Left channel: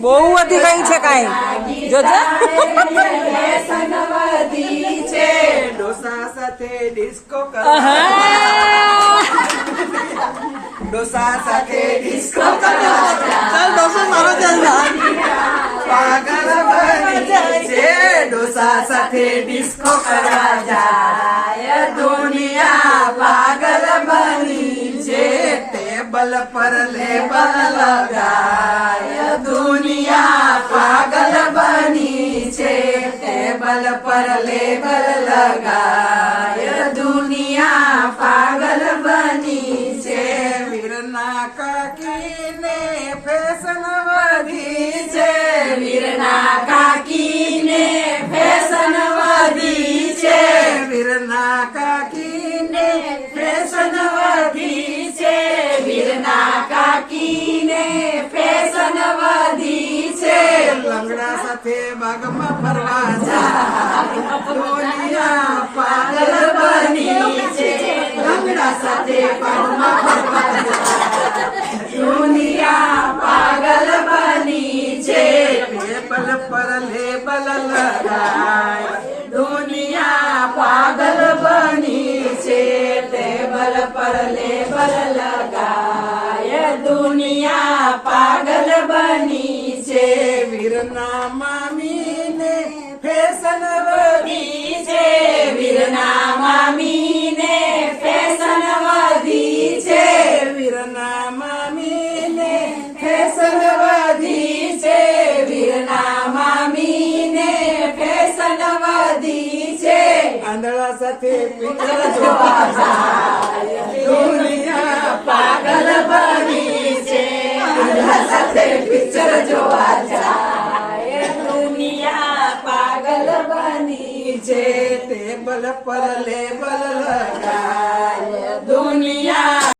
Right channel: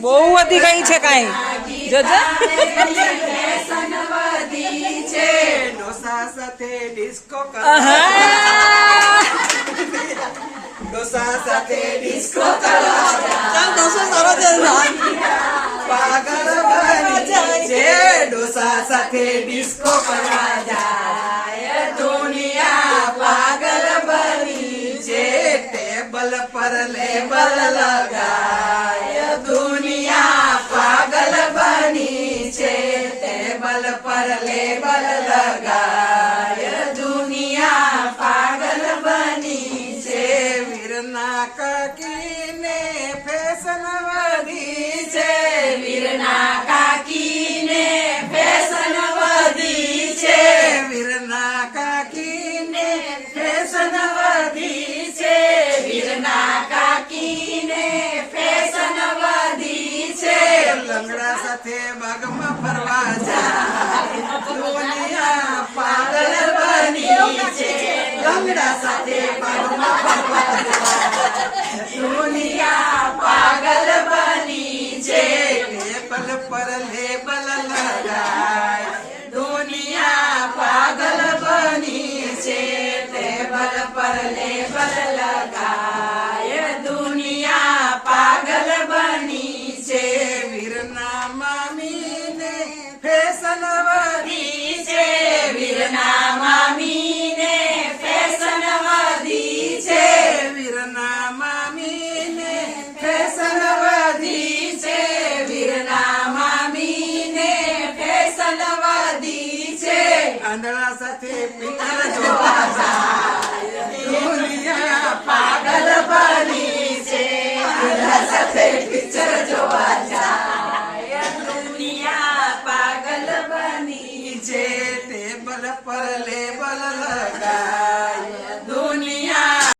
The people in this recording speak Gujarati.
બહુ વધી ગઈ છે કાંઈ. જોજો. છે ડોસા સાથે ડિસ્કો ડોસા સાથે ડિસ્કો ચાલ ડોસો મારો પાગલ બની છે. ડોસા સાથે ડિસ્કો કરવા જાય ટેબલ પર લેબલ લગાય દુનિયા પાગલ બની છે ટેબલ પર લેબલ લગાય વીરના કાકીને ફેશન વધી છે. લંગડા સાથે બાગમાં ફરવા જાય. પાગલ બની છે. લંગડા સાથે બાગમાં ફરવા જાય. દુનિયા પાગલ બની છે. લેબલ પર લેબલ લગાય. દુનિયા પાગલ બની છે. ટેબલ પર લેબલ દુનિયા પાગલ બની છે. વીરના મામીને ફેશન વધી છે. વીરના મામીને ફેશન વધી છે. વીરના મામીને ફેશન વધી છે. વીરના મામીને ફેશન વધી છે. આંધળા સાથે પિક્ચર જોવા. છે ટેબલ પર લેબલ લગાય.